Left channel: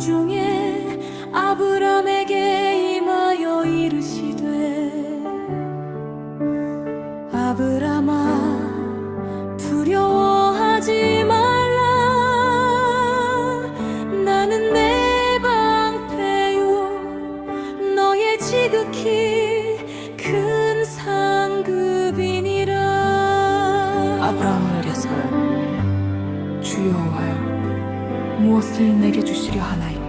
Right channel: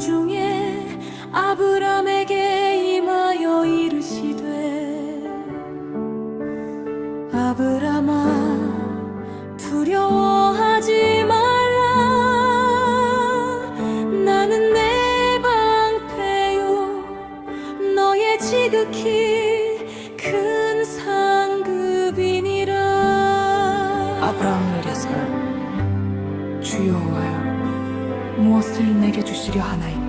중에 아브람에게 임하여 이르시되 아브람아 두려워하지 말라. 나는 내 방패요. 너의 지극히 큰 상급이니라. 아브라함을 이르사여 주여 여호와여 무엇을 내게 주시려 하나이까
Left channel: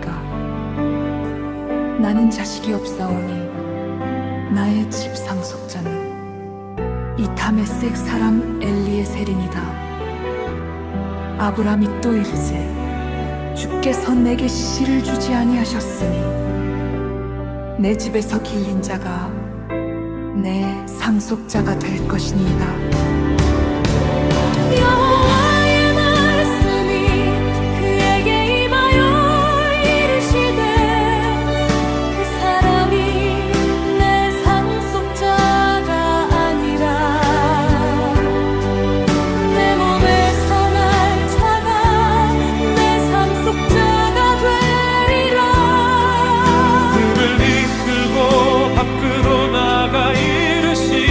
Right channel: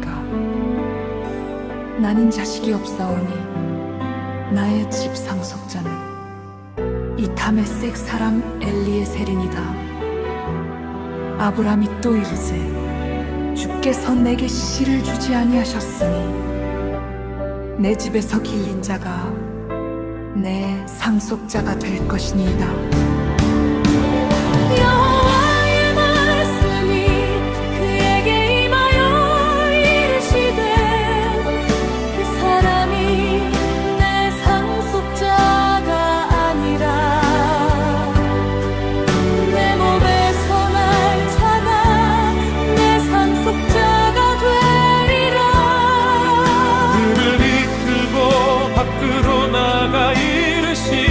나는 자식이 없사오니 나의 집 상속자는 이 다메섹 사람 엘리에셀이니다 아브라함이 또 이르되 주께서 내게 씨를 주지 아니하셨으니 내 집에서 길린 자가 내 상속자가 될 것이니이다. 나가 이르시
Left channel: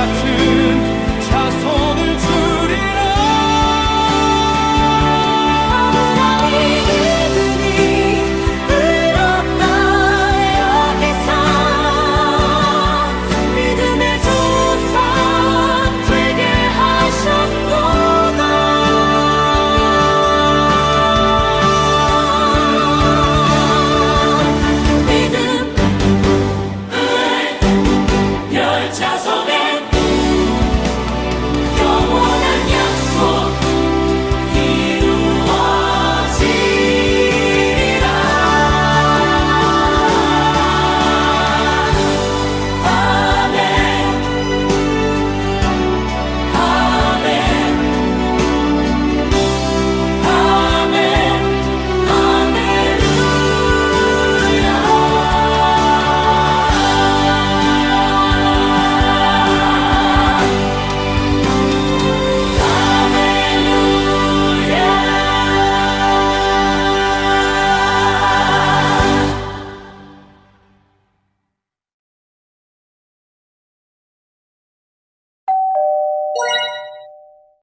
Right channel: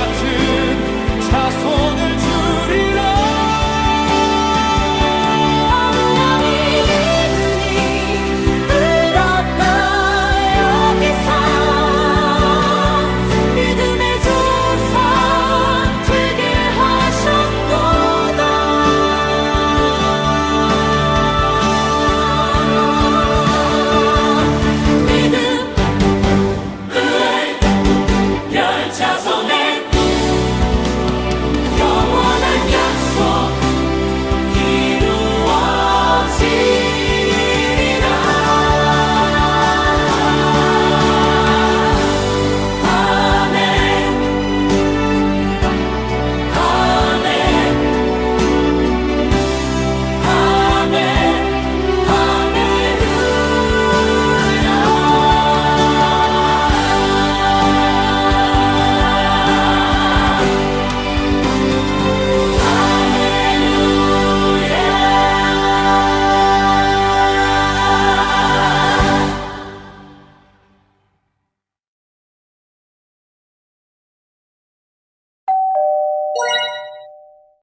같은 자손을 주리